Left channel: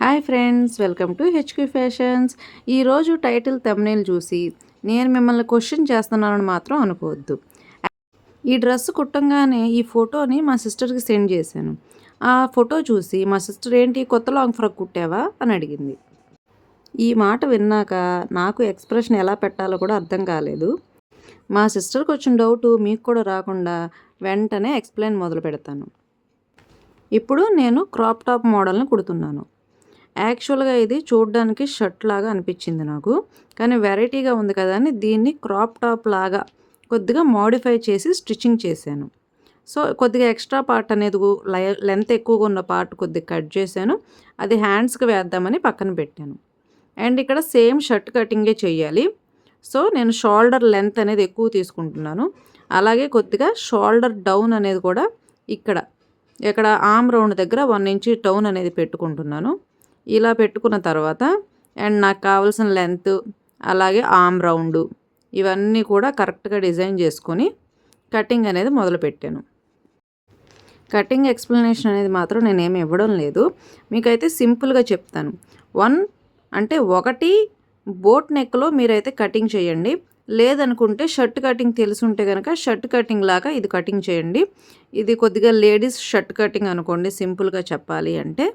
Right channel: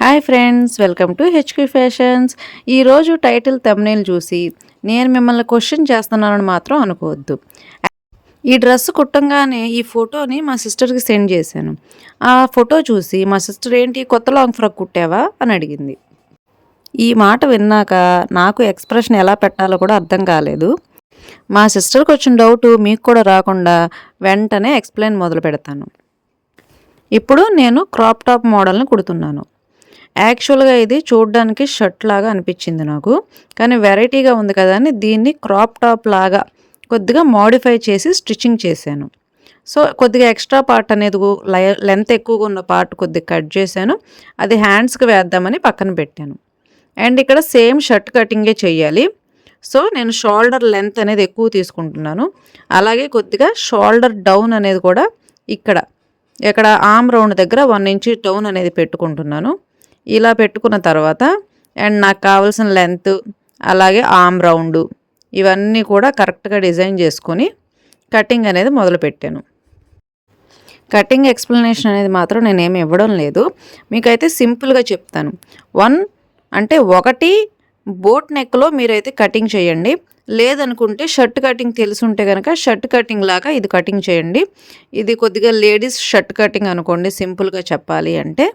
Hi friends, welcome to HQ fashions. ఈరోజు title thumbnail చూసి నేను మిమ్మల్ని క్వశ్చన్ చేస్తున్నానని మాత్రం అనుకోవద్దు. ఈ డ్రెస్ కుట్టంగానే ఈ ఫోటోని మా సిస్టర్కి సెండ్ చేశాను. ఆ ఫోటో చూసి మా సిస్టర్ ఏంటి కొత్త లాంగ్ ఫ్రాక్ కుట్టావా అని అడిగింది. ఈ మాట విన్నాక నాకు ఎక్స్ప్రెషన్ ఎలా పెట్టాలో కూడా అర్థం కాలేదు. మా సిస్టర్కి వచ్చిన డౌట్ మీకు కూడా రాకుండా వెంటనే ఎక్స్ప్లెయిన్ మొదలు పెడతాను. ఇప్పుడు నేను క్రాప్ టాప్ మోడల్ని కుడుతున్నాను. యాక్చువల్గా ఇది చూడడానికి షర్ట్ లాగా అనిపించింది నాకు, కానీ వెరైటీగా ఉంది కదా అని దీన్ని క్రాప్ టాప్ లాగా కొద్దిగా మోడిఫై చేసి స్టిచ్చింగ్ చేశాను. సో కొద్దిగా ఎక్స్ట్రా పార్ట్ అనేది లెంత్ ఎక్కువగా ఉన్న పార్ట్ కొద్దిగా కట్ చేశాను. అది హ్యాండ్స్కి వేద్దామని పక్కన పెట్టాను. అండ్ ఇక్కడ సేమ్ షర్ట్ కటింగే చేయాలి. సో నేను షోల్డర్ లెంత్ అనేది ఎక్కువ తీసుకుంటున్నాను. అలాగే కొద్దిగా షోల్డర్ డౌన్ అనేది కూడా ఇక్కడ ఆర్మ్ రౌండ్ దగ్గర 1 ఇంచ్ డౌన్ అనేది పెట్టుకుంటున్నాను. ఇలా పెట్టుకున్న తర్వాత అండ్ నాకు కావాల్సిన లెంత్ అలాగే ఆర్మ్ రౌండ్ ఇవన్నీ కూడా కరెక్ట్గా డిజైన్ చేసుకొని కటింగ్ అనేది మొదలుపెట్టాను. కటింగ్ ఎక్స్ప్లెనేషన్ అనేది మాత్రం నేనేమి ఇవ్వడం లేదు, మీకైతే సింపుల్గా చెప్తాను. ఒకటి బోట్ నెక్లో మీరైతే కటింగ్ చేయండి. లేదనుకుంటే షర్ట్ కటింగ్ తెలుసుంటే కనుక షర్ట్ కటింగ్ లాగా ఇది కటింగ్ చేయండి. ఇది కొద్దిగా లేడీస్ షర్ట్ కటింగ్ అనుకోండి, సింపుల్గా చెప్పాలి అంటే.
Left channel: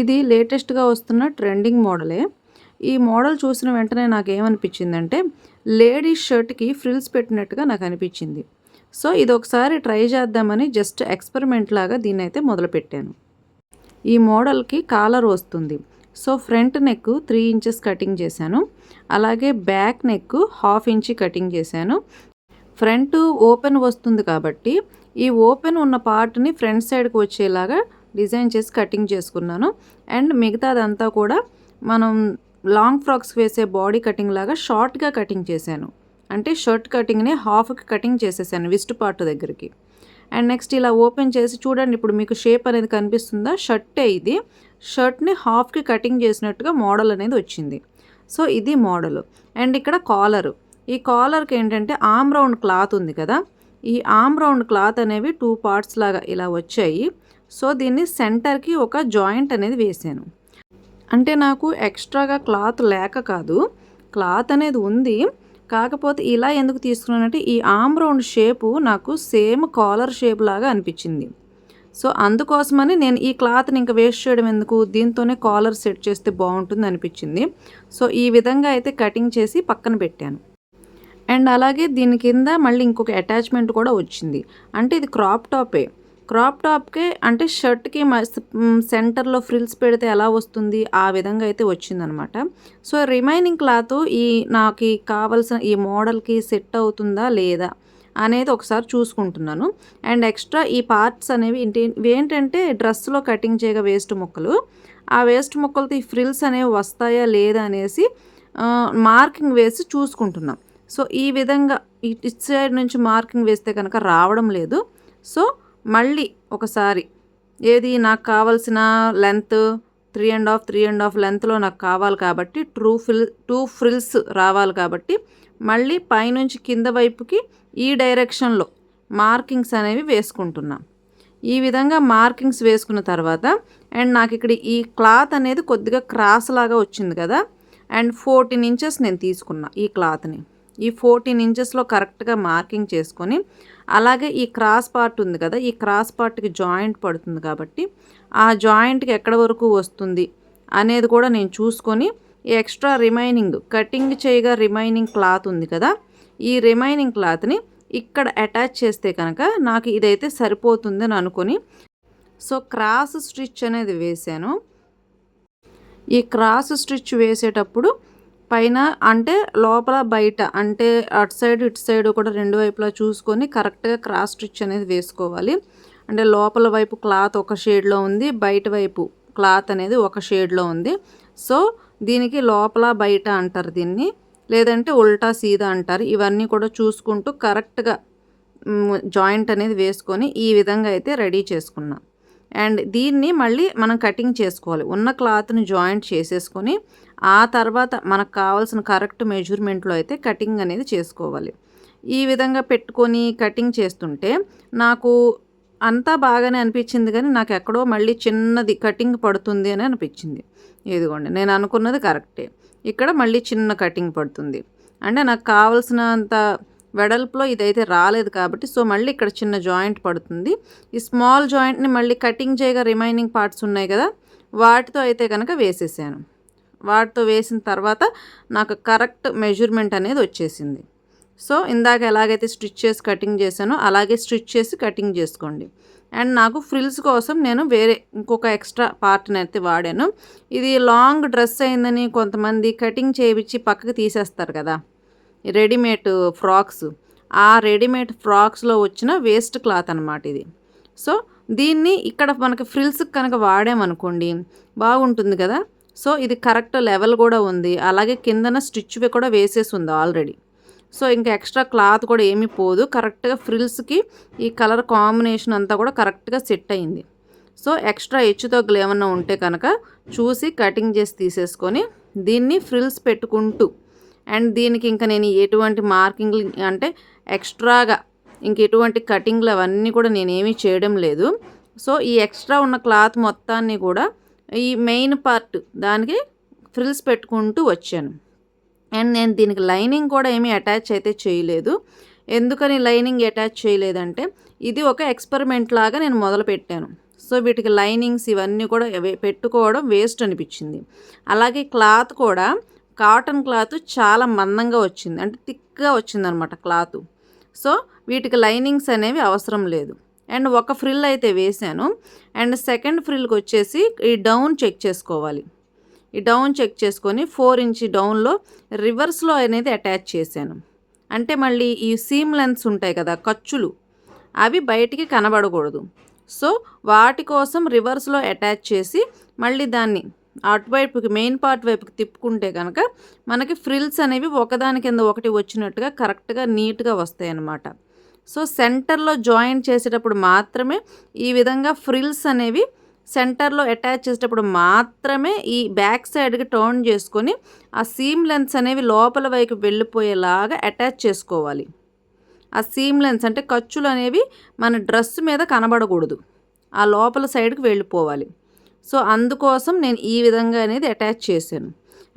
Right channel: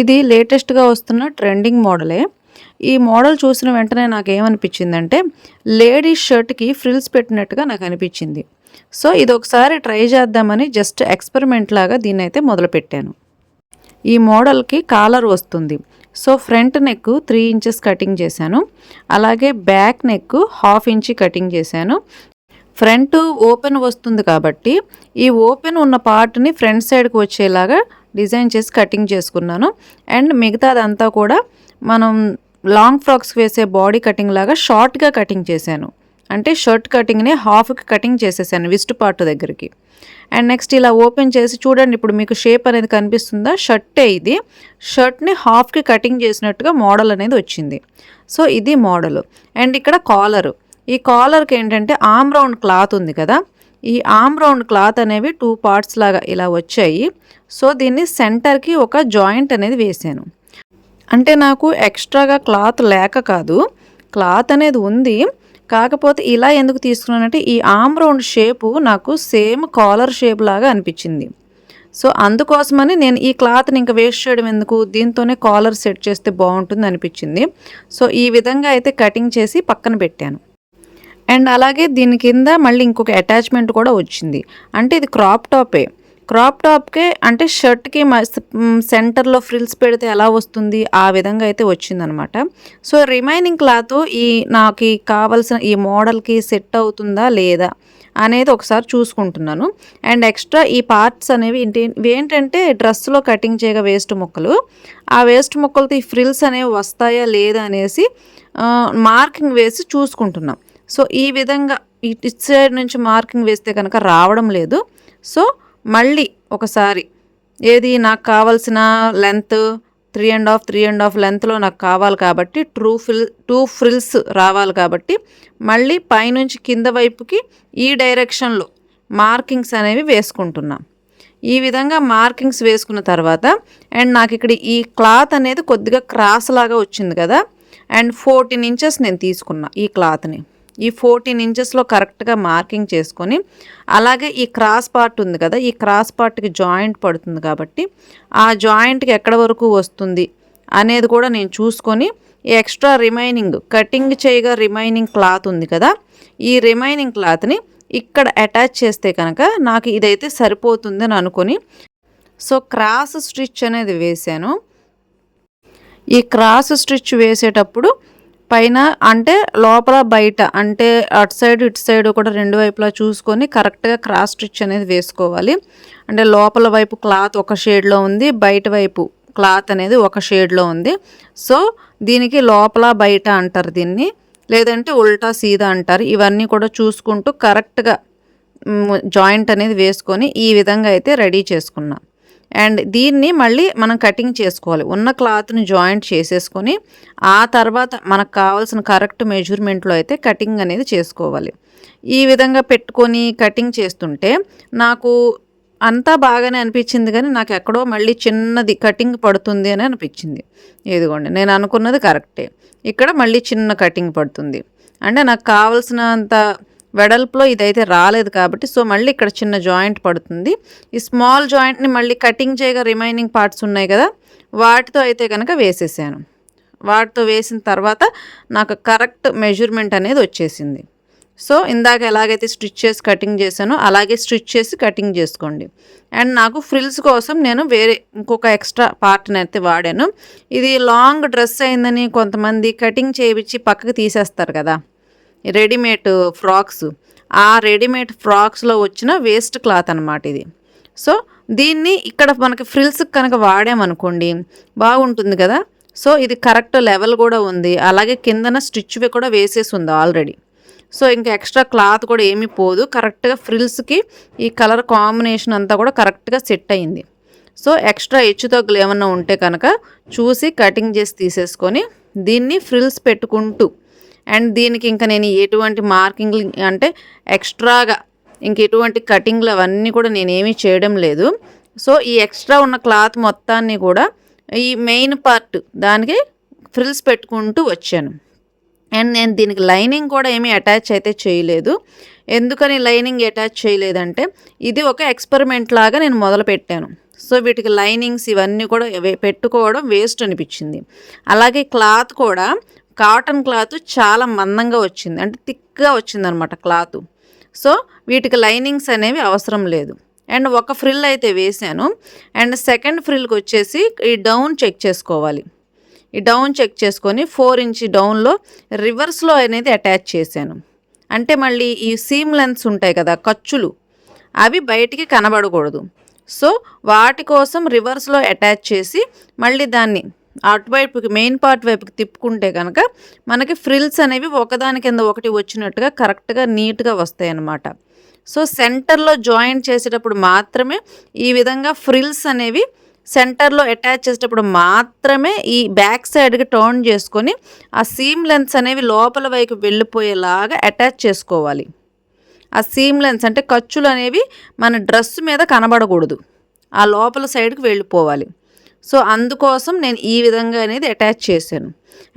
ఇది లేటెస్ట్గా వస్తున్న ట్రెండింగ్ మోడలే. ఈ మోడల్ చూసిన వెంటనే నాకేమనిపించిందంటే లేడీస్ షర్ట్కి ఫ్రిల్స్ పెట్టినట్టుగా నాకు అనిపించింది. సో ఇది ఒకసారి ట్రై చేద్దామని జస్ట్ ఎక్స్పెరిమెంట్ లాగా దీన్ని అయితే మొదలుపెట్టాను. ఈ మోడల్కి కాలర్ వస్తుంది. So front neck 3 inches cutting చేశాను. అలాగే బ్యాక్ నెక్ 1/2 ఇంచ్ కటింగ్ చేశాను. ఫ్రంట్ ఓపెన్ వస్తుంది కాబట్టి ఈ ఓపెన్ ఉన్న పార్ట్ని ఫ్రంట్ సైడ్కి వచ్చేలాగా డిజైన్ చేసి కటింగ్ చేసుకున్నాను. అండ్ మిగతాదంతా కూడా మనం లాంగ్ ఫ్రాక్స్ వేసే బాడీ కటింగ్ లాగా షార్ట్గా కటింగ్ చేశాను. అంటే షర్ట్ కటింగ్ని హాఫ్కి కటింగ్ చేసేసాను విస్ట్ పార్ట్ దగ్గరికి. అండ్ నెక్స్ట్ ఇలా ఓపెన్ చేసి చూడండి, ఇప్పుడు మీకు షేప్ అనేది కనిపిస్తుందా? షర్టే ఇది. షర్ట్ని హాఫ్కి కటింగ్ చేసినట్టుగా మోడల్ అనేది వచ్చింది. సో ఇది మోడల్. అండ్ ఇక్కడ కాలరు. ఈ కాలర్కి ఏంటంటే ఆర్మ్ రౌండ్ క్లాత్ ఉంది కదా, ఈ ఆర్మ్ రౌండ్ క్లాత్ అనేవి 2 పార్ట్స్ లాగా ఇలా వచ్చాయి. సో దీన్ని సెంటర్కి ఒక జాయింట్ అనేది వేసాను. అంటే నాకు ఎక్స్ట్రాగా క్లాత్ లేక కాదు, క్లాత్ అనేది ఉంది. కాకపోతే ఇలా ఎందుకు తీసుకున్నానంటే ఈ ఆర్మ్ రౌండ్ షేపు నాకు సేమ్ కాలర్ షేప్ లాగా అనిపించింది. సో అందుకోసమని నేను ఈ క్లాత్ని ఇంకా వేస్ట్ చేయడం ఎందుకు, దీంతోనే కాలర్ సెట్ చేస్తే బాగుంటుంది అనిపించింది. సో ఈ విధంగా అయితే కటింగ్ చేసి పక్కన పెట్టాను. అండ్ అలాగే దీని కింద మళ్ళీ ఇంకొక అటాచ్మెంట్ కూడా వచ్చింది. అంటే ఇది క్రాప్ టాపే. క్రాప్ టాప్కే అంటే షర్ట్కి సెంటర్లో ఫ్రిల్స్ పెడితే ఎలా వస్తుంది ఆ విధంగా అయితే వచ్చిందనమాట. సో రిమైనింగ్ క్లాత్ నాకు కావాల్సిన ఈ మోడల్కి సెట్ అవుతుందా లేదా అనేది ఒకసారి చూసుకుంటున్నాను. అండ్ ఎక్స్ట్రా ఈ పార్ట్స్ అనేవి ఏంటంటే డ్రెస్లో కటింగ్ చేయగా వేస్ట్ ముక్కలు, ఆ వేస్ట్ ముక్కలతో ఈ ఫ్రిల్స్ అనేవి వస్తాయా లేదా అనేసి మార్కింగ్ వేసి చూసుకుంటున్నాం. సో ఈ విధంగా ఇటు సైడ్ నుంచి మార్కింగ్ వేస్తే కనుక రావడం లేదు. సో మళ్ళీ ఒకసారి ఏది నాకు కావాల్సిన లెంత్ 3.5 లెంత్లో నాకు కావాలి కాబట్టి 2 ఫ్రిల్స్ రావాలి కాబట్టి మళ్ళీ పైనుంచి కింద వైపుకి ఈ డైరెక్షన్లో మార్కింగ్స్ అనేవి వేసుకుంటున్నాం. ఈ విధంగా మార్కింగ్స్ వేసుకున్న తర్వాత అండ్ నాకు ఇక్కడ ఈ క్లాత్ అనేది కొద్దిగా క్రాస్ లాగా వచ్చింది కదా, అండ్ 14 ఇంచెస్ నేను తీసుకున్నా ఈ క్లాత్ని. ఈ 14 ఇంచెస్లో కరెక్ట్గా మార్కింగ్ చేసుకొని అలాగే ఈ క్రాస్ పార్ట్ ఉంది కదా, ఈ క్రాస్ పార్ట్కి జాయింట్ పడుతుంది కాబట్టి ఆ జాయింట్కి ఎక్కడ వరకు వస్తుంది అనేది కూడా నేను చూసుకొని ఈ ఎక్స్ట్రా రిమైనింగ్ కటింగ్ చేయగా రిమైనింగ్ క్లాత్ ఉంది కదా, ఈ రిమైనింగ్ క్లాత్ని ఇక్కడ అటాచ్ చేస్తే కనుక నాకు ఇదైతే సరిపోతుందని అనుకొని సో క్రాస్ స్టిచ్ అనేది వేసాను. ఈ క్రాస్ స్టిచ్ వేసేటప్పుడు పైన అంటే లోపల బయట అంటే అటు సైడ్ ఇటు సైడ్ కూడా 2 వైపులా చూసుకొని కరెక్ట్గా క్రాస్ స్టిచ్ అనేది వేసుకోవాలి. అంటే లోపల వైపు క్లాత్ ఒక షేడ్లో ఉంది, బయట వైపు క్లాత్ అనేది ఒక షేడ్లో ఉంది. సో దీనికి లోపల బయట అంటారు దీన్ని, లేదంటే ఉల్టా సీదా అంటారు. ఇవన్నీ కూడా చూసుకుంటూ కరెక్ట్గా జాయింట్ అనేది వేసుకొని ఈ విధంగా అయితే రెడీ చేసుకున్నాం. అండ్ దీన్ని మళ్ళీ మనం కటింగ్ చేసుకోవాలి. ఉన్న క్లాత్ని జాయింట్ చేసేసుకొని ఆ తర్వాత మనకు కావాల్సిన కరెక్ట్ మెజర్మెంట్లో అయితే కటింగ్ అనేది చేసుకోవాలి. ఈ విధంగా పెట్టుకొని కటింగ్ చేస్తుంటే నాకు అంతా బాగానే అనిపించింది కానీ నాకు ఎక్కడో మళ్ళీ చిన్నది కటింగ్ పడుతుంది అని అనిపించింది. ఇదిగోండి నేను అనుకున్నది కరెక్టే. ఇక్కడ మళ్ళీ చిన్న కటింగ్ పడుతుంది. అంటే నాకు కావాల్సినంత వెడల్పులో ఇదైతే రాలేదు కాబట్టి సో మళ్ళీ ఇక్కడ చిన్న జాయింట్ పడుతుంది. ఈ స్మాల్ జాయింట్ని మళ్ళీ కటింగ్ చేయగా రిమైనింగ్ పార్ట్స్ ఉన్నాయి కదా, వాటితో అయితే కనుక వేసేసాను. వాటితో వేసిన తర్వాత నాకు కరెక్ట్ మెజర్మెంట్ అనేది వచ్చేసింది. సో ఇందాక ఎలాగైతే స్టిచ్ చేసి కటింగ్ చేశానో అలాగే స్టిచ్ చేసి కటింగ్ చేసుకోండి. అండ్ నాకు ఫ్రిల్స్ కోసం నేను వేరే ఇంకొక ఎక్స్ట్రా పార్ట్ని అయితే వాడాను. ఇది లాంగ్ డ్రెస్ అయిందని కొంతమంది కటింగ్ చేయించి పక్కకు తీసేస్తారు కదా, రెడీమేడ్ ఫ్రాక్స్. ఆ రెడీమేడ్ ఫ్రాక్స్లో వచ్చిన వేస్ట్ క్లాత్ అనమాట ఇది. సో దీన్ని ఇక్కడ మనకి ఫ్రిల్స్కి కనుక వాడామనుకోండి బాగుంటుంది కదా. సో ఇది కరెక్ట్ లెవెల్ కూడా ఉంది, అలాగే కిందన స్టిచ్ కూడా వేసేసి ఉంది ఆల్రెడీ. సో ఇంకా ఎక్స్ట్రా క్లాత్ కూడా ఏమీ పోదు, కరెక్ట్గా ఫ్రిల్స్కి ఈ కలర్ కాంబినేషన్ అంతా కూడా కరెక్ట్గా సెట్ అయింది. సో ఎక్స్ట్రా హెచ్చు తగ్గులు ఏమన్నా ఉంటే కనుక చూసి కటింగ్ చేసి తీసేసుకొని దీన్ని ఫ్రిల్స్ పెట్టుకుంటూ, అండ్ దీనికి ఇంకా నేను ఎటువంటి మార్కింగ్లు అంటే ఎక్స్ట్రాగా ఇంకెటువంటి కటింగ్లు అవన్నీ కూడా నేనేమీ చేయడం లేదు. సో ఈ ఎక్స్ట్రా ఉన్న క్లాత్ మొత్తాన్ని కూడా ఈ మెయిన్ పార్ట్ దానికి ఫ్రిల్స్ పెట్టుకుంటూ వచ్చాను. అండ్ నేను దీనికి లైనింగ్ కూడా ఏమీ అటాచ్ అయితే చేయలేదు. ఎందుకని లైనింగ్ అటాచ్ చేయలేదంటే ఇది ఒక ఎక్స్పెరిమెంట్ లాగా నేను మొదలు పెట్టాను. సో వీటికి లైనింగ్స్ ఇవన్నీ కూడా పెట్టుకోవడం వేస్ట్ అనిపించింది. అలాగే క్లాత్ కూడా కాటన్ క్లాత్ చాలా మందంగా వచ్చింది, అంటే థిక్గా వచ్చిందనమాట క్లాత్. సో వీటికి లైనింగ్స్ అనేవి అవసరం లేదు. అండ్ ఒక ఫ్రిల్ అయితే వేసాను. అండ్ సెకండ్ ఫ్రిల్కి వచ్చేసి ఈ డౌన్ చెక్ చేసుకోవాలి. ఈ డౌన్ చెక్ చేసుకొని 4 ఇంచ్ డౌన్లో రివర్స్లో అనేది అటాచ్ చేశాను. అంటే మళ్ళీ ఈ సీమ్ లెన్స్ ఉంటాయి కదా, ఖర్చులు, అవి బయటికి కనబడకూడదు. సో వాటి కోసం రివర్స్లో అటాచ్ చేసి మళ్ళీ దాన్ని అటువైపుకి మెయిన్ పార్ట్ వైపుకి తిప్పుకుంటే కనుక మనకి ఫ్రిల్స్ అనేవి ఒకదాని కింద ఒకటి వచ్చినట్టుగా కరెక్ట్గా నీట్గా వస్తాయి అన్నమాట. సో సెంటర్లో జాయింట్ చేసేటప్పుడు మాత్రమే ఈ విధంగా ఫ్రిల్స్ అనేవి సెంటర్లో అటాచ్ చేసేటప్పుడు మాత్రమే ఈ బ్యాక్ సైడ్కి టర్న్ చేసుకొని ఆ సీమ్ లెన్స్ అనేవి లోపల వైపు వెళ్ళిపోయేలాగా అటాచ్ చేసుకోవాలి. ఆ సీమ్ లెన్స్ అంటే ఖర్చులు అనేవి మన డ్రెస్ మీద కనబడకూడదు, ఆ లోపల సైడ్కి వెళ్ళిపోవాలి. సో అందుకోసం నేను ఈ విధంగా అనేది అటాచ్ చేశాను.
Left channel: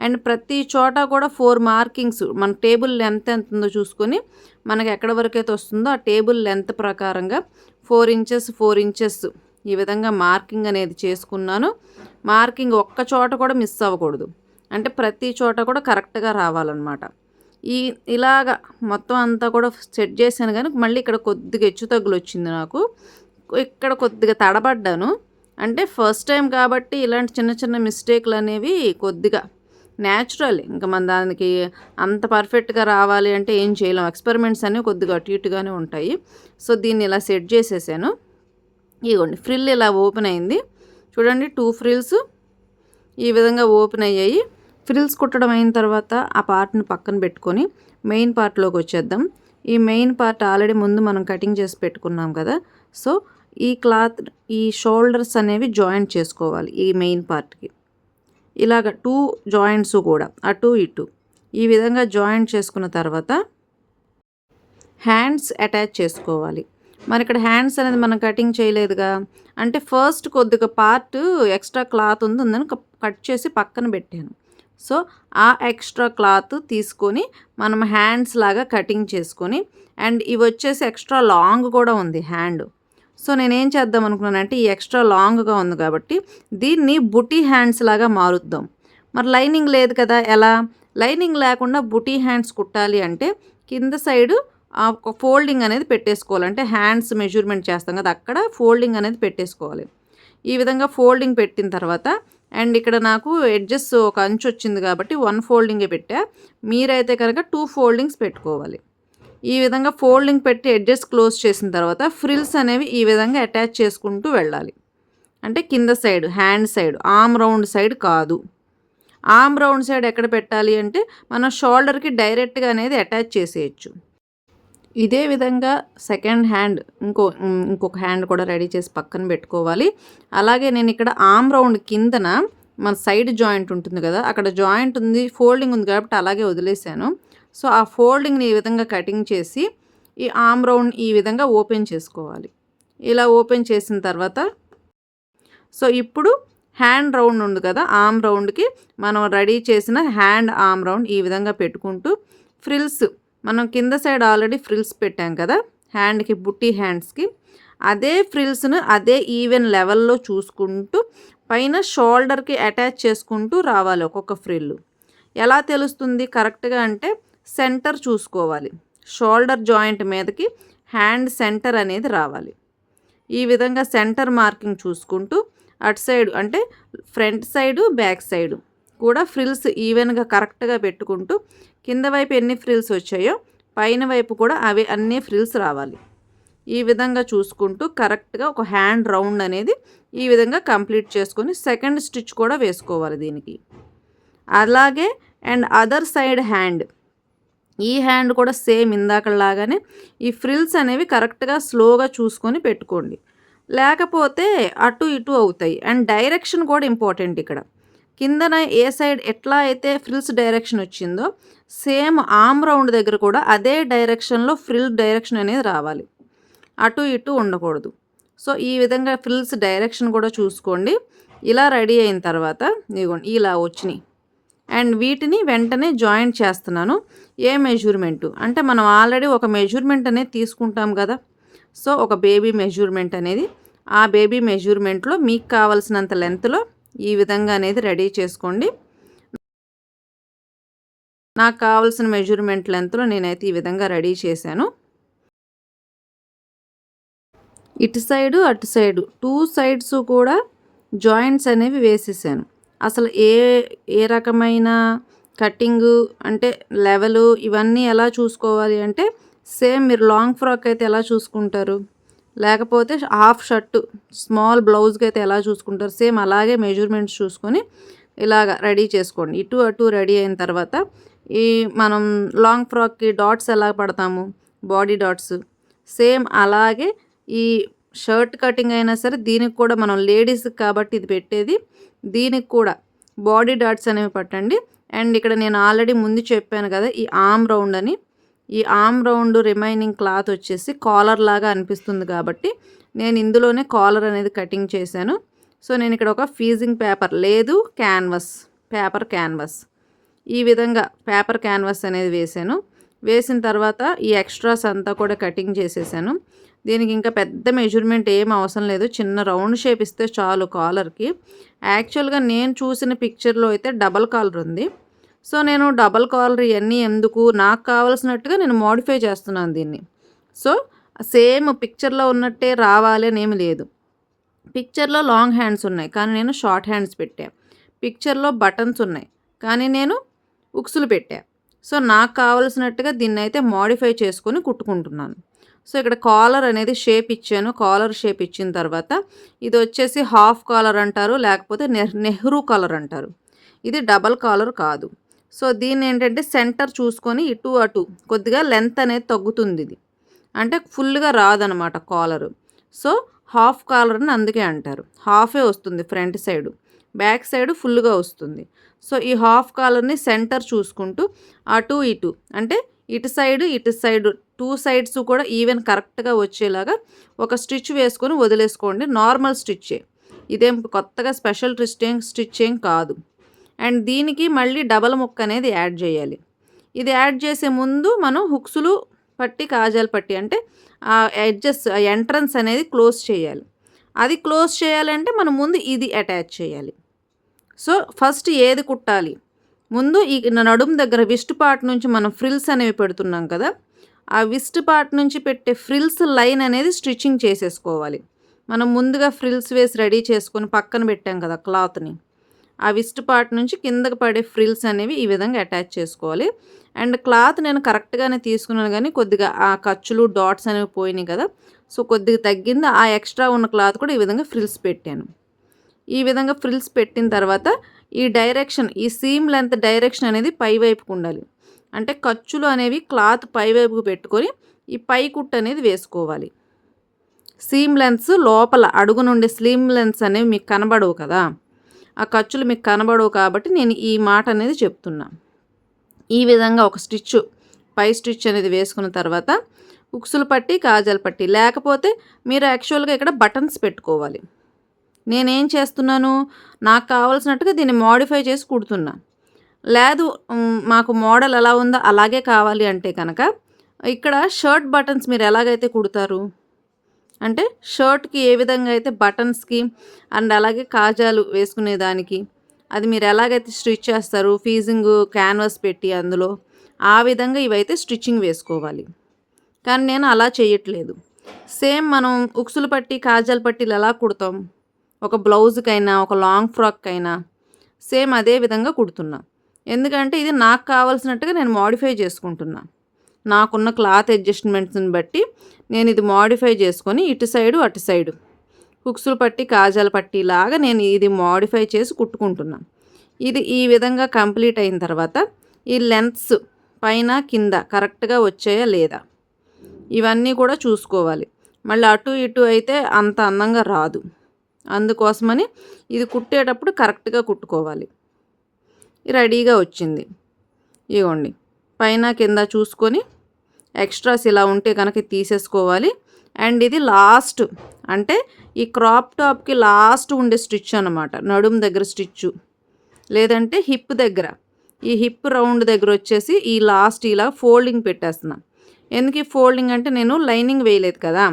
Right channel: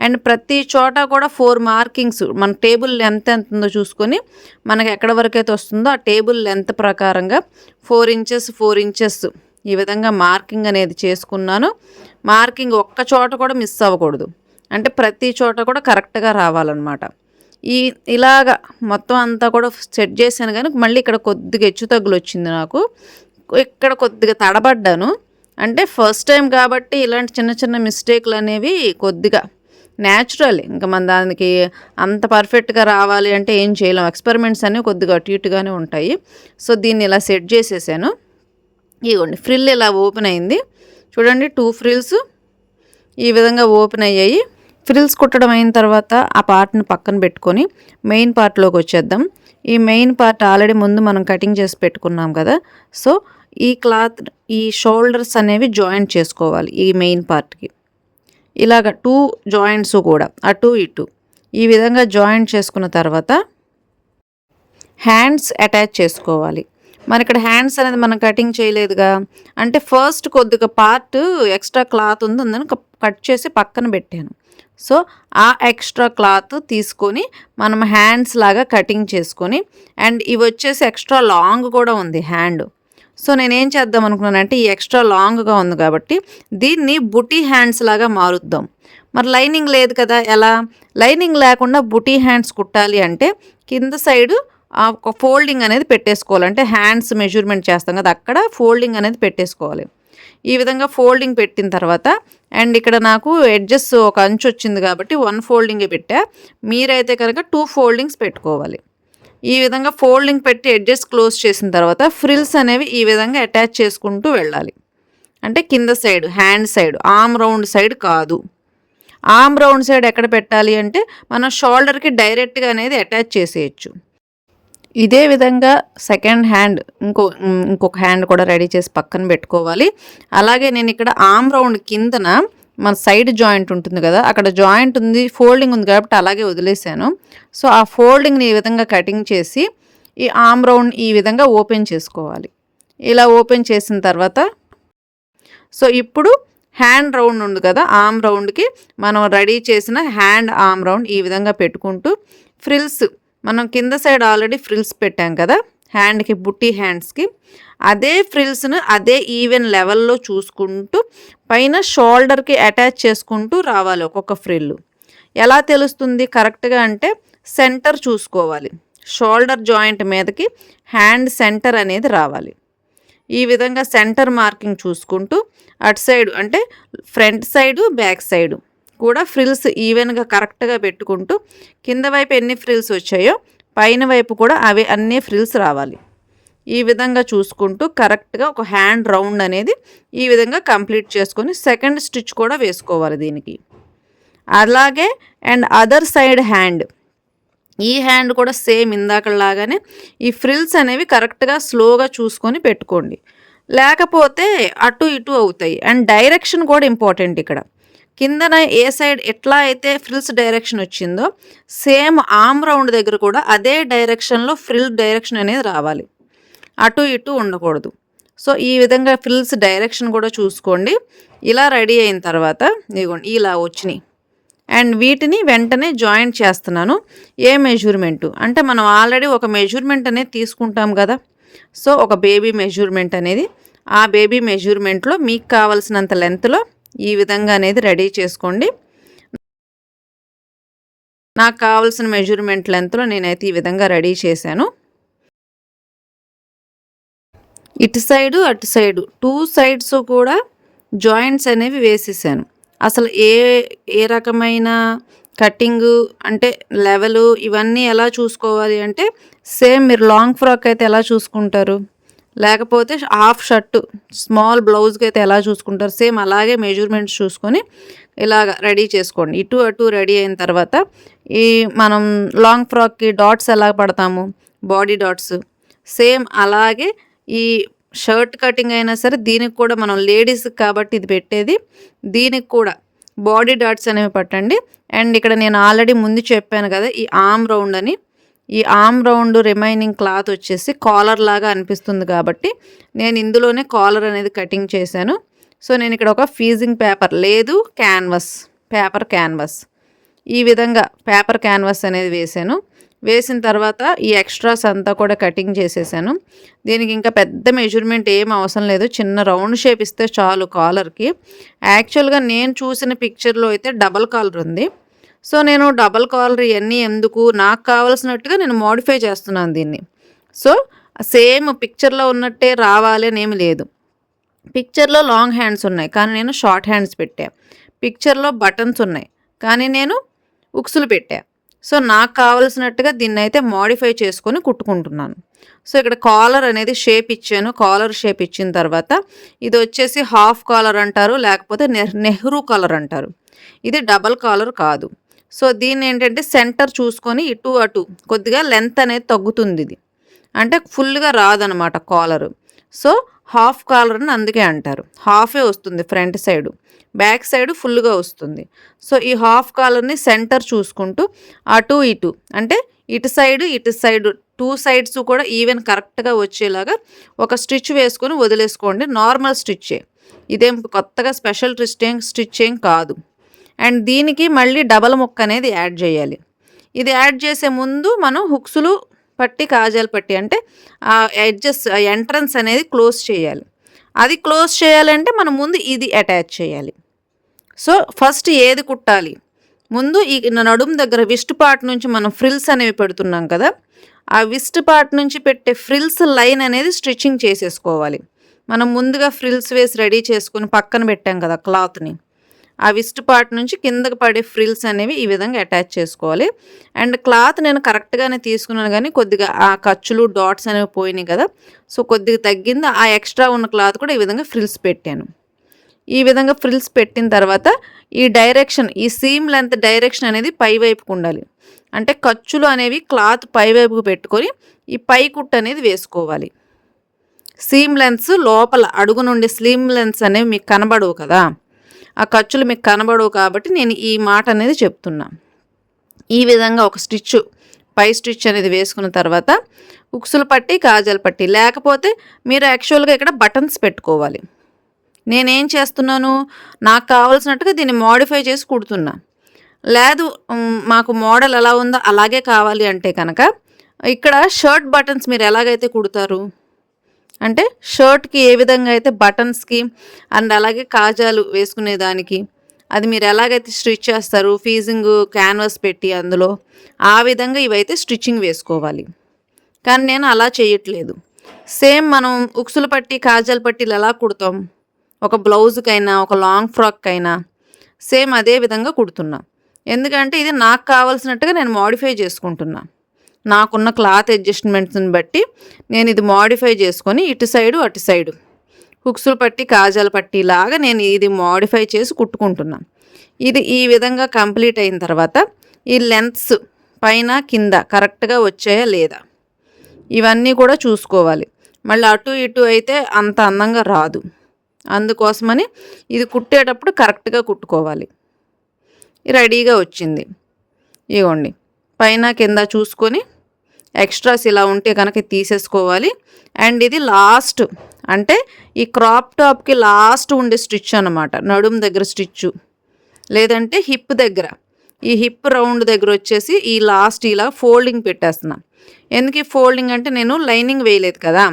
అండ్ ప్రతి చోట కూడా 4 మార్కింగ్స్ మన టేబుల్ లెంత్ ఎంత ఉందో చూసుకొని మనకి ఎక్కడ వరకు అయితే వస్తుందో ఆ టేబుల్ లెంత్ ప్రకారంగా 4 ఇంచెస్ 4 ఇంచెస్ ఈ విధంగా మార్కింగ్ అనేది చేసుకున్నాను. మార్కింగ్ ఒక్క చోట కూడా మిస్ అవ్వకూడదు, అంటే ప్రతి చోట కూడా కరెక్ట్గా రావాలన్నమాట. ఇలాగా మొత్తం అంతా కూడా సెట్ చేశాను. కానీ మళ్ళీ ఇక్కడ కొద్దిగా హెచ్చు తగ్గులు వచ్చింది నాకు, ఇక్కడ కొద్దిగా తడబడ్డాను. అంటే ఫస్ట్ టైం కాబట్టి ఇలాంటి చిన్న చిన్న మిస్టేక్లు అనేవి కొద్దిగా న్యాచురల్. ఇంకా మన దానికి అంత పర్ఫెక్ట్గా రావాలి అంటే ఏం చేయలేం, ఎక్స్పెరిమెంట్స్ అనేవి కొద్దిగా అటు ఇటుగానే ఉంటాయి. సో దీన్ని ఇలా సెట్ చేసేసాను. ఇదిగోండి ఫ్రిల్ ఇలా ఓపెన్ అయింది చూడండి, 2 ఫ్రిల్స్ ఈ విధంగా ఓపెన్ అయ్యాయి. ఫ్రిల్స్ కుట్టడం అయిన తర్వాత ఆ పార్ట్ని పక్కన పెట్టుకొని మెయిన్ పార్ట్లోకి వచ్చేద్దాం. ఈ మెయిన్ పార్ట్ ఆల్రెడీ ముందు మనం కటింగ్ చేసి పెట్టుకున్నాం కదా. సో ఈ క్లాత్ ఈ షోల్డర్స్ అనేవి జాయింట్ చేసుకోవాలి. ఈ మెయిన్ పార్ట్కి ఇలాగ 2 జాయింట్స్ కూడా అటు ఇటు ఈ విధంగా జాయింట్ చేసుకున్న తర్వాత హ్యాండ్స్ అటాచ్ చేసుకోవాలి. మరి ఇక్కడ హ్యాండ్స్ అనేది మనం కటింగ్ చేయలేదుగా, అంటే ఫస్ట్ కొద్దిగా పార్ట్ ఎక్స్ట్రా క్లాత్ ఉందని కట్ చేసి పక్కన పెట్టాను. సో ఆ ఎక్స్ట్రా క్లాత్ తీసుకొని మనం హ్యాండ్స్ లాగా కటింగ్ చేసుకొని, అండ్ ఇవి వచ్చేసి ఎక్స్ట్రా లాంగ్ కూడా ఉంది హ్యాండ్. సో నేనేం చేద్దాం అనుకున్నానంటే ఈ ఎక్స్ట్రా లాంగ్గా ఉంది కాబట్టి దీన్ని బుటీ హ్యాండ్స్ లాగా మారుద్దాం. మరి లైనింగ్ లేదు కదా, ఎలా? లైనింగ్ లేకుండా బుటీ హ్యాండ్స్ కుట్టాలి అంటే కింద సైడు ఒక ఫోల్డింగ్ అనేది పెట్టేసుకోవాలి. అంటే హ్యాండ్స్ మెజర్మెంట్ చేస్తాం కదా, అక్కడ ఫోల్డింగ్ అనేది పెట్టేసుకోవాలి. ఈ విధంగా ఫోల్డింగ్ పెట్టిన తర్వాత అండ్ ఇక్కడ నాకు ఎడ్జెస్ ఒక అంచు వచ్చింది కాబట్టి 1 ఫోల్డింగే పెట్టా. మీరైతే కనుక 2 ఫోల్డింగ్స్ పెట్టుకోవాలి. ఈ విధంగా ఫోల్డింగ్ పెట్టి ఎడ్జెస్ క్లోజ్ చేసిన తర్వాత ఫ్రిల్స్ అనేవి ఈ విధంగా అటాచ్ చేసుకుంటూ వెళ్ళాలి. అంటే కింద side hand side, arm round side కాదు. ఆర్మ్ రౌండ్ సైడ్ ఎక్కడ పెట్టాలి అంటే మనం షోల్డర్కి డైరెక్ట్గా అనేది అటాచ్ చేసేయచ్చు. ఇదే విధంగా సెకండ్ హ్యాండ్ ఇంకొక హ్యాండ్ కూడా రెడీ చేసి పక్కన పెట్టుకోవాలి. అలాగే నేను ఇక్కడ ఆర్మ్ రౌండ్ కిందన మన సైడ్ జాయింట్ ఉంటుంది కదా, అక్కడ జాయింట్ ఉంది, ఫోల్డింగ్ ఉంది కాబట్టి అలాగే వదిలేసాను. సో ఆ ఫోల్డింగ్ని ఈ విధంగా కటింగ్ చేసి ఈ ఆర్మ్ రౌండ్ ఈ విధంగా ఓపెన్ చేసుకోవాలి. ఇలా ఓపెన్ చేసిన తర్వాత సో ఇప్పుడు హ్యాండ్ రౌండ్ ఉంది కదా, ఆర్మ్ రౌండ్కి మనం రెడీ చేసిన హ్యాండ్ ఆర్మ్ రౌండ్ ఈ విధంగా పెట్టుకుంటూ ఫ్రిల్స్ మనం కింద సైడ్ ఆల్రెడీ ఫ్రిల్స్ పెట్టాం కదా హ్యాండ్కి, బుట్టి హ్యాండ్స్కి, అదే ఫ్రిల్స్ను అదే ఈవెన్ లెవెల్లో చూసుకుంటూ పైన షోల్డర్కి అటాచ్ చేసుకుంటూ రావాలి ఒక్కొక్క ఫ్రిల్. ఎలా తెలుస్తుంది కరెక్ట్గా అంటే సెంటర్ చూసుకోవాలి, షోల్డర్ జాయింట్ మీదకి హ్యాండ్ సెంటర్ అనేది రావాలి. ఈ విధంగా సెంటర్ మార్కింగ్ చూసుకుంటూ అటు సైడు అంటే ఫ్రంట్ సైడు బ్యాక్ సైడు కూడా ఫ్రిల్స్ ఈవెన్గా కరెక్ట్గా పెట్టుకుంటూ కింద వైపు ఎన్ని ఫ్రిల్స్ వచ్చాయో పైన వైపు కూడా అవి అన్ని ఫ్రిల్స్ రావాలి. ఈ విధంగా చూసుకుంటూ కరెక్ట్గా ఒక హ్యాండ్ రౌండ్ అనేది ఈ విధంగా కంప్లీట్ చేసుకొని సెకండ్ స్టిచ్ కూడా వేసుకోవాలి దీనికి. అలాగే అండ్ అదర్ సైడ్ హ్యాండ్, ఈ హ్యాండ్ కూడా సేమ్ ఇందాకలాగానే ఈ ఫ్రిల్స్ అనేవి కరెక్ట్గా స్లోగా చూసుకొని పెట్టుకోండి, లేకపోతే అటు ఇటు అవుతాయి. అండ్ డైరెక్షన్ కూడా ఇంపార్టెంట్ ఇక్కడ. కిందన ఏ సైడ్ ఎట్లా అయితే ఫ్రిల్స్ డైరెక్షన్ వచ్చిందో సేమ్ ఆర్మ్ రౌండ్ దగ్గర కూడా అదే డైరెక్షన్లో ఫ్రిల్ డైరెక్షన్ అనేది రావాలి, అటు ఇటు ఉండకూడదు. సో ఈ విధంగా ఫ్రిల్స్ డైరెక్షన్ కూడా చూసుకోండి. ఇలా రెడీ అయిన తర్వాత ఇదిగోండి ఇలా వచ్చినాయి. అండ్ వీటిని వెంటనే జాయింట్ చేస్తున్నాను. ఏ మెజర్మెంటు అంటే మనం ఆల్రెడీ ఒక మెజర్మెంట్ అనేది తీసుకుంటాం కదా, సో ఒక బేబీ మెజర్మెంట్ అనేది, ఆ బేబీ మెజర్మెంట్లో మీకు కావాల్సినంత లెంత్లో ఈ విధంగా అనేది రెడీ చేసుకోండి. నాకు కావాల్సిన మెజర్మెంట్ లెంత్లో నేనైతే ఈ విధంగా రెడీ చేశాను. ఇటు సైడు అటు సైడు 2 సైడ్స్ కూడా జాయింట్స్ అనేవి వేసేసాను. అసలు ఏ రకమైన కటింగు అంటే లెవెలు ఇవన్నీ ఎలా చూసుకోవాలి అంటే సేమ్ మీరు లాంగ్ ఫ్రాక్ అయితే ఎలా చూసుకుంటారు, లేకపోతే హాఫ్ షర్టు స్మాల్ బ్లౌజ్కి అయితే ఎలా చూసుకుంటారు, సేమ్ అలాగే మెజర్మెంట్స్ చూసుకొని ఇలాగ రెడీ చేసుకోండి. ఇటు అటు రెడీ అయిన తర్వాత ఈ మనం లాంగ్ ఫ్రాక్కి డాట్స్ ఎలా పడతాము, బాడీ డాట్స్, సేమ్ అలాగే ఈ షర్ట్ కటింగ్ అయినా సరే దీనికి కూడా మనం లేడీస్కి కాబట్టి ఇది పెట్టేది, దీనికి కూడా బాడీ డాట్స్ అనేవి పట్టండి. అండ్ ఇక్కడ నేను ఆల్రెడీ ముందు చెప్పాను కదా ఈ ఆర్మ్ రౌండ్ అని, ఈ ఆర్మ్ రౌండ్ రిమైనింగ్ క్లాత్ వచ్చేసి కాలర్ లాగా అనిపిస్తుంది కాబట్టి నేను ఇందులోనే కాలర్ అనేది కటింగ్ చేశాను. సో నేను ఇక్కడ ఒక ఫీజింగ్ పేపర్ లేదు పేపర్ క్యాన్వాస్ ఈ విధంగా పేపర్ క్యాన్వాస్ అనేది వేసాను. వేసిన తర్వాత ఈ ఎక్స్ట్రాస్ అంతా కూడా కటింగ్ చేసేసాను. దీనికి ఇంకా పెద్ద మెజర్మెంట్ ఏం అవసరం లేదు, చిన్న రౌండ్ షేప్ ఇస్తే చాలు కాలర్కి. యాక్చువల్గా నేను చూసిన పిక్చర్లో అయితే డబల్ కాలర్ ఉంది. సో నేను డబల్ కాలర్ ఇవన్నీ ఎందుకు, నాకు కావాల్సినట్టుగా నేను మోడిఫై చేస్తున్నాను దీన్ని. సో సేమ్ పిక్చర్లో ఉన్నట్టే రావాలి అని ఏమి లేదు. పిక్చర్లో లాంగ్ హ్యాండ్స్ ఉన్నాయి కానీ నేను షార్ట్ హ్యాండ్స్ పెట్టా, పిక్చర్లో బటన్స్ ఉన్నాయి కానీ నేను ఉక్సులు పెట్టా. సో నాకు కావాల్సినట్టుగా దీన్ని అయితే మోడిఫై చేసుకొని కుట్టుకుంటున్నాను. సో ఇక్కడ కాలర్ అనేది షేప్ ఇచ్చాను. కాలర్ షేప్ ఇచ్చిన తర్వాత ఇది వచ్చేసి హాఫ్ కాలర్ అంటారు, లేకపోతే నెహ్రూ కాలర్ అంటారు. ఇది డబల్ కాలర్ కాదు. సో దీన్ని ఏంటంటే సెంటర్ చూసుకొని ఇటు అటు కొద్దిగా లెంత్ అనేది తగ్గుతుంది, ఇది అంటే ఫుల్గా రాదనమాట కాలరు. సో హాఫ్ కాలర్ అని అందుకే అంటారు. హాఫే వస్తుంది ఫ్రంట్ సైడు, బ్యాక్ సైడ్ ఫుల్గా వస్తుంది. సో ఈ హాఫ్ కాలర్ని సెంటర్ చూసుకుంటూ అటు ఇటు అంటే ఇటు సైడు 2 సైడ్స్ కూడా ఈవెన్ కరెక్ట్గా వచ్చేలాగా ఒక స్టిచ్ వేసుకొని వదిలేసుకోండి. నార్మల్ స్టిచ్చే, ఇదేం కొత్తగా స్పెషల్ స్టిచ్ ఏం కాదు. అండ్ దీనికి మళ్ళీ డబల్ ముక్క అనేది యాడ్ చేయాలి. ఇది యాడ్ చేసే ముందు మనం హుక్స్లు పట్టి కాజాలు పట్టి అంటే ఆ ఎడ్జెస్ ఎంట్రన్స్ అనేది క్లోజ్ చేయాలి. అది క్లోజ్ చేయాలంటే మనం ముందు ఇది అటాచ్ చేయాలి. సో ఫస్ట్ ఏది కుట్టాలి, ముందు ఈ నడుము దగ్గర విస్ట్ పార్ట్ నుంచి మనం ఫ్రిల్స్ అనేవి పెడుతున్నాం కదా, ఆ విస్ట్ పార్ట్ నుంచి పెట్టే ఫ్రిల్స్ లైన్ అనేది స్టిచ్చింగ్ చేసేసుకోవాలి. మనం ముందుగా ఫ్రిల్స్ వేసి రెడీ చేసుకొని పక్కన పెట్టాం కదా క్లాత్ని, ఆ విస్ట్ పార్ట్ నుంచి కిందకి పడే ఫ్రిల్స్ అనేవి ఈ విధంగా అటాచ్ చేసుకోవాలి. అండ్ క్లాత్ నేను కరెక్ట్గానే తీసుకున్నాను కానీ కొద్దిగా ఆ ఖర్చులు డాట్స్ అనేవి పోయినాయి కదా, సో కొద్దిగా తగ్గింది. ఆ ఎక్స్ట్రా ఉన్న క్లాత్ కూడా ఈ విధంగా ఫ్రిల్స్ పెట్టాను. ఈ విధంగా ఫ్రిల్స్ పెట్టిన తర్వాత ఈ డైరెక్షన్, ఈ సీమ్ లెంత్ డైరెక్షన్ అనేది పై వైపుకు ఉండాలి. అంటే ఖర్చులు అనేవి క్లాత్ పై వైపుకు పెట్టుకొని ఈ పై కుట్టు అనేది వేసుకోవాలి. సీమ్ లెన్స్ లోపల అడుగు నుండి సీమ్ లెన్స్ అనేవి మీకు కనబడవు కదా, ఆ ఖర్చులు మీకు కనబడవు కాబట్టి నేను ఈ మాట అనేది చెప్తున్నా. ఈ విధంగా ఒక స్టిచ్ పై స్టిచ్ అనేది వేసుకున్న తర్వాత ఉక్సులు పట్టి కాజాల పట్టి, లేకపోతే మీరు యాక్చువల్గా ఇక్కడ బటన్స్ పెట్టుకోవాలి. నేనేం చేస్తున్నాను, నాకు కావాల్సినట్టుగా దీన్ని మోడిఫై చేసి కుడుతున్నా. లేదు మాకు మోడల్ ఎలా ఉందో అలాగే కావాలి అంటే కనుక ఇక్కడ షర్ట్ బటన్స్ మీరు ఎలాగైతే కుడతారు అంటే షర్ట్కి ఏ విధంగా అయితే బటన్స్కి అండ్ అలాగే కాజాలు వేసుకునేదానికి అది మీరు ఎలాగైతే స్టిచ్ చేస్తారు ఫీజింగ్ క్యాన్వాస్ పెట్టి అందులో ఆ విధంగా ఇవైతే స్టిచ్చింగ్ వేసుకోవాలి. కానీ నేను అలా చేయట్లేదు. సేమ్ మనం ఉక్సులు పట్టి కాజాల పట్టీలు ఎలా కుడతాం, ఒక బ్లౌజ్కైనా ఒక లాంగ్ ఫ్రాక్కైనా సేమ్ అదే విధంగా కుడుతున్నా. ఎందుకంటే ఇది నాకు కావాల్సినట్టుగా నేను మోడిఫై చేసుకుంటున్నా. నాకున్న క్లాత్ అడ్జస్ట్మెంట్స్ని బట్టి నేను ఇది మోడిఫై చేసుకొని ఇటు సైడు అటు సైడు హుక్సులు పట్టి కాజాల పట్టీలాగా నేను ఇది మోడిఫై చేసి కుట్టుకుంటున్నా. ఇది ఈ విధంగా కంప్లీట్ అయిన తర్వాత ఈ లెంత్స్ పైన కింద కరెక్ట్గా వచ్చాయా లేదా ఇవన్నీ కూడా చూసుకోవాలి. మళ్ళీ అటు ఇటు అయితే అంత అందంగా రాదు. అందుకోసమని ఇది కుట్టేటప్పుడు కరెక్ట్గా కుట్టుకోవాలి. రెడీగా వచ్చింది. ఇవ్వండి పైన కింద చూసుకొని ఎక్స్ట్రాస్ ఇలా ఉంటే కనుక తీసేసుకోవాలి. అండ్ ఇది లాస్ట్ అంటే ఈ క్రాప్ టాప్కి లాస్ట్ ఉండే స్టిచ్ అనమాట. నడుము దగ్గర స్టిచ్చు లేదంటే హిప్ దగ్గర, ఈ హిప్ రౌండ్ దగ్గర వచ్చేసి ఈ లాస్ట్ ఇలా ఫోల్డింగ్ పెట్టేస్తున్నా. ఎందుకు ఈ ఫోల్డింగ్ అంటే నేను లైనింగ్ వేయలేదు కదా,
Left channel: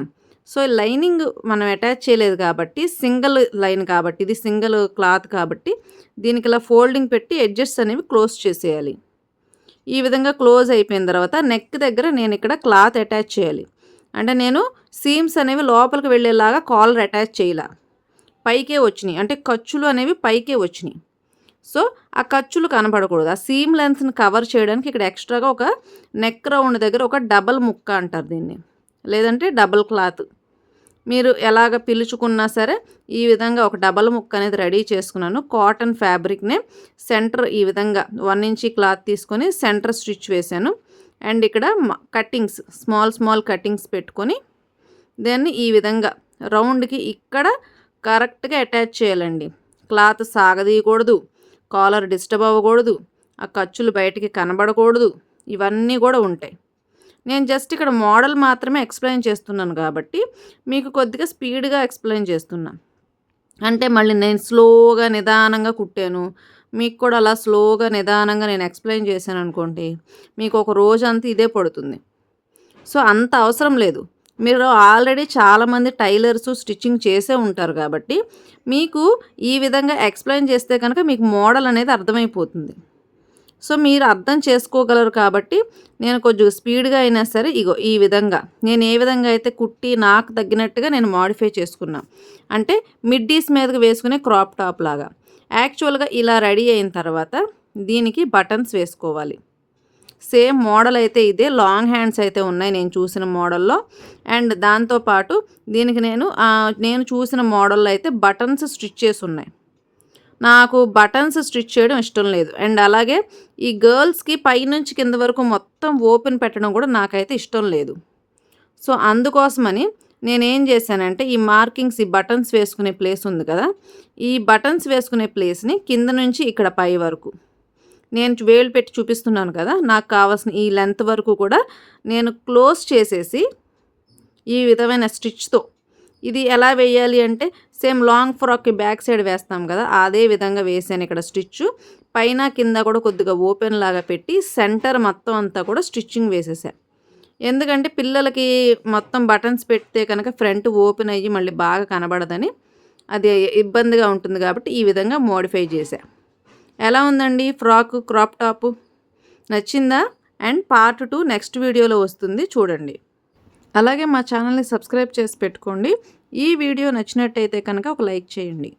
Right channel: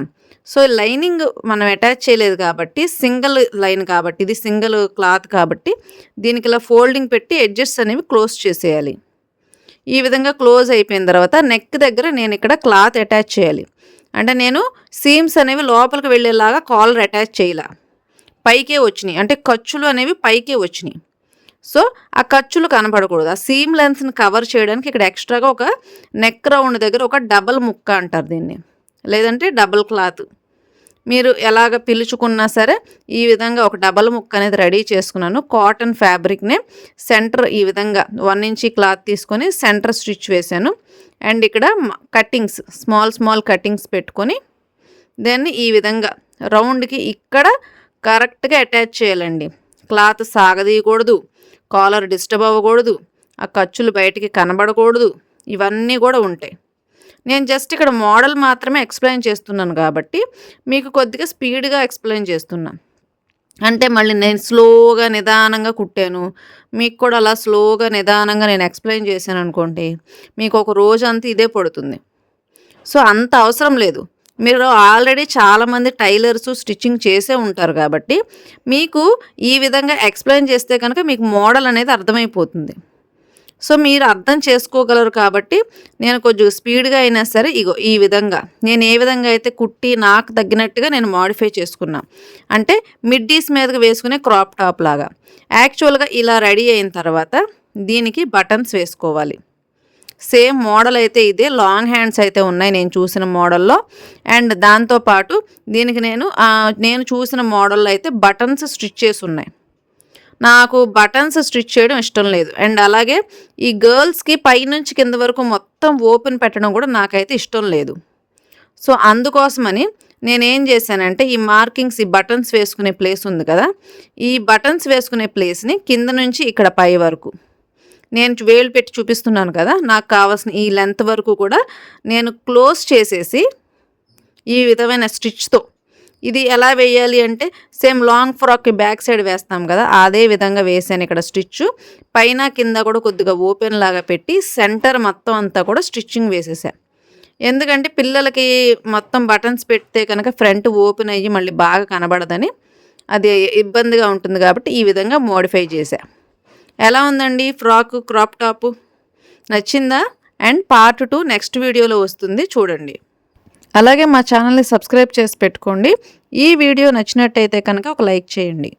సో లైనింగ్ మనం అటాచ్ చేయలేదు కాబట్టి సింగిల్ లైన్ కాబట్టి ఇది సింగిల్ క్లాత్ కాబట్టి దీనికి ఇలా ఫోల్డింగ్ పెట్టి ఎడ్జెస్ అనేవి క్లోజ్ చేసేయాలి. ఈ విధంగా క్లోజ్ అయిపోయిన తర్వాత నెక్ దగ్గర నేను ఇక్కడ క్లాత్ అటాచ్ చేయాలి. అంటే నేను సీమ్స్ అనేవి లోపలికి వెళ్ళేలాగా కాలర్ అటాచ్ చేయాల, పైకే వచ్చినాయి అంటే ఖర్చులు అనేవి పైకే వచ్చినాయి. సో ఆ ఖర్చులు కనపడకూడదు. ఆ సీమ్ లెన్స్ని కవర్ చేయడానికి ఇక్కడ ఎక్స్ట్రాగా ఒక నెక్ రౌండ్ దగ్గర ఒక డబల్ ముక్క అంటారు దీన్ని, లేదంటే డబల్ క్లాత్ మీరు ఎలాగ పిలుచుకున్నా సరే ఈ విధంగా ఒక డబల్ ముక్క అనేది రెడీ చేసుకున్నాను. కాటన్ ఫ్యాబ్రిక్నే సెంటర్ ఈ విధంగా 1 ఇంచ్ క్లాత్ తీసుకొని సెంటర్ స్టిచ్ వేశాను. అండ్ ఇక్కడ కట్టింగ్స్ స్మాల్ కట్టింగ్స్ పెట్టుకొని దాన్ని ఈ విధంగా రౌండ్కి ఇక్కడ కరెక్ట్గా అటాచ్ చేయాలండి. క్లాత్ సాగదీయకూడదు, కాలర్ డిస్టర్బ్ అవ్వకూడదు, ఆ ఖర్చులు బయటికి కనబడకూడదు, ఇవన్నీ కూడా ఉంటాయి. నేను జస్ట్ ఇక్కడ మోడల్ మాత్రమే ఎక్స్ప్లెయిన్ చేస్తున్నాను కాబట్టి మీకు కొద్దిగా స్పీడ్గా ఎక్స్ప్లెయిన్ చేస్తున్నా. అంటే మళ్ళీ నేను స్లోగా నిదానంగా కుట్టాను, మీకు కూడా అలా స్లోగా నిదానంగా నేను ఎక్స్ప్లెయిన్ చేశాను అనుకోండి మీకు ఒక రోజంతా ఇదే పడుతుంది. సో అంత అవసరం లేదు. మీరు ఆల్రెడీ చాలామంది టైలర్స్ స్టిచ్చింగ్ చేసే ఉంటారు కాబట్టి మీకు ఈ విధంగా ఎక్స్ప్లెయిన్ చేస్తే కనుక మీకు మోడల్ అనేది అర్థమైపోతుంది. సో మీరు అర్థం చేసుకోగలరు కాబట్టి నేను కొంచెం స్పీడ్గా అయినా సరే ఇగో ఈ విధంగా నేను ఏ విధంగా అయితే కుట్టి నాకు తగ్గినట్టుగా నేను మోడిఫై చేసుకున్నా. అంటే మిడ్డీస్ మీదకి వేసుకునే క్రాప్ టాప్ లాగా యాక్చువల్గా ఇలా రెడీ అయిన తర్వాత దీనికి బటన్స్ వేసుకోవాలి. సేమ్ మోడల్ అయితే ఇదే, లాంగ్ హ్యాండ్స్ అయితే ఉన్నాయి నేను చూసిన మోడల్లో. అండ్ దాంతోపాటు దీనికి నేను చూసిన మోడల్లో అయితే బటన్స్ స్టిచ్ చేసి ఉన్నాయి. నాకు బటన్స్ స్టిచ్ చేయడం ఇష్టం లేదు. అండ్ అలాగే ఈ గర్ల్స్కి పైనుంచి కింద వరకు మొత్తం ఓపెన్ పెట్టడం కూడా నాకైతే ఇష్టం లేదు. సో అందుకోసమని నేనేం చేశానంటే ఈ మార్కింగ్స్ ఈ బటన్స్ వేసుకునే ప్లేస్ ఉంది కదా, ఈ బటన్స్ వేసుకునే ప్లేస్ని కింద నుంచి ఇక్కడ పై వరకు నేను వేలు పెట్టి చూపిస్తున్నాను కదా, నాకు కావాల్సిన ఈ లెంత్ వరకు కూడా నేను క్లోజ్ చేసేసి ఈ విధమైన స్టిచ్తో ఇది ఎలా వేయాలి అంటే సేమ్ లాంగ్ ఫ్రాక్కి బ్యాక్ సైడ్ వేస్తాం కదా అదే విధంగా వేసాను. ఇక్కడ స్టిచ్ పైన కింద కూడా కొద్దిగా ఓపెన్ లాగా పెట్టి సెంటర్ మొత్తం అంతా కూడా స్టిచ్చింగ్ వేసేసాను. ఎందుకంటే పిల్లలకి మొత్తం బటన్స్ పెడితే కనుక ఫ్రంట్ ఓపెన్ అయ్యి మళ్ళీ బాగా కనబడదని అది ఇబ్బందిగా ఉంటుంది కాబట్టి ఈ విధంగా మోడిఫై చేశా. ఎలా ఉందండి ఫ్రాక్ క్రాప్ టాపు, నచ్చిందా? అండ్ పార్ట్ 2 నెక్స్ట్ వీడియోలో వస్తుంది, చూడండి. అలాగే మా ఛానల్ని సబ్స్క్రైబ్ చేసి పెట్టుకోండి. ఈ వీడియో నచ్చినట్టయితే కనుక ఒక లైక్ చేయండి.